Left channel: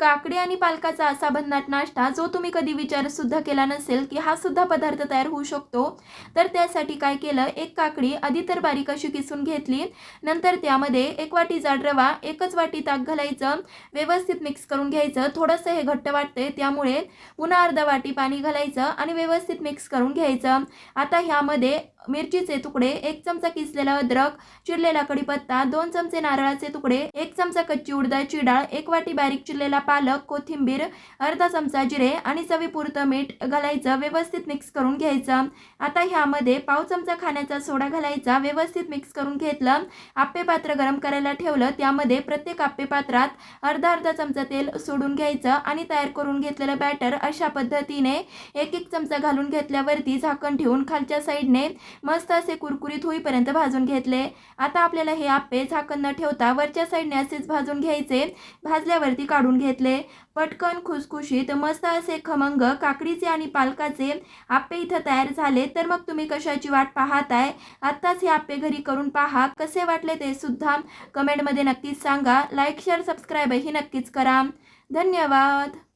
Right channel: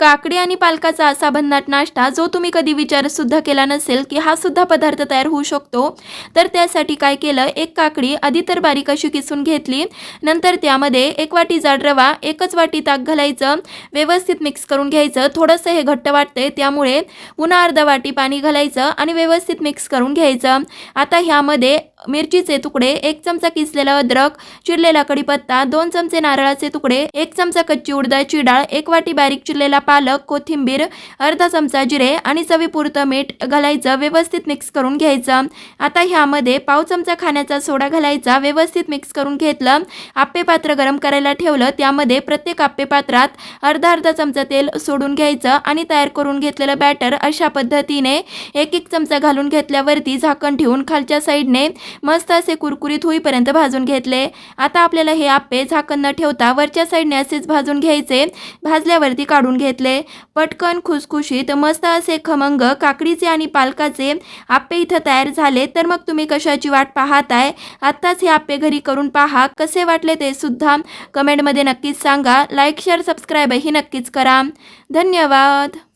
काकडी आणि पालकाचा असा भन्नाट नाश्ता जो तुम्ही कधी विचार सुद्धा केला नसेल की हा सुद्धा पदार्थ तयार होऊ शकतो। तर त्यासाठी काय केलं, एक काकडी आधी तर बारीक अशी किसून घेतली, नंतर त्यामध्ये 1 वाटी जाड रवा, 1च वाटी ताक घालायचं, व्यवस्थित मिक्स करून घ्यायचं। थोडंसं हे घट्ट वाटते त्यामुळे पुन्हा अर्धा वाटी पाणी घालायचं आणि व्यवस्थित मिक्स करून घ्यायचं। आता ह्यामध्ये मिरचीचे तुकडे, 1 चमचा किसलेला अद्रक, चिरलेला कढीपत्ता, 2 चमचे नारळाचे तुकडे, 1 चमचा कच्ची उडदाची डाळ, 1 वाटी बारीक चिरलेला पालक, कोथिंबीर, अर्धा चमचा जिरे आणि चवीपुरतं मीठ घालायचं, व्यवस्थित मिक्स करून घ्यायचं। आता ह्यामध्ये पाव चमचा खाण्याचा सोडा घालायचा, व्यवस्थित मिक्स करून घेतलं। आप्पे पात्र गरम करायला ठेवलं, त्यामध्ये प्रत्येक आप्पे पात्रात अर्धा चमचा तेल सोडून घ्यायचं आणि तयार करून घेतलेलं बॅटर अशा पद्धतीने 1-1 चमचा घालून घेतल्यावरती झाकण ठेवून खालच्या साईडने मस्त असे कुरकुरीत होईपर्यंत भाजून घेतले। आता आपल्याला हे आप्पे झाकण न ठेवता वरच्या साईडने असेच भाजून घ्यायचे। भाजल्यावरती काढून घेतले। पटकन खुसखुशीत मस्त असे खमंग काकडीचे आणि पालकाचे आप्पे इथं तयार झाले। तर मग तुम्ही कशाची वाट पाहताय? आत्ताच हे आप्पे घरी करून पहा, कसे वाटले ते सुद्धा कमेंटमध्ये नक्कीच सांगा। लाईक शेअर सबस्क्राईब ही नक्कीच करा। धन्यवाद।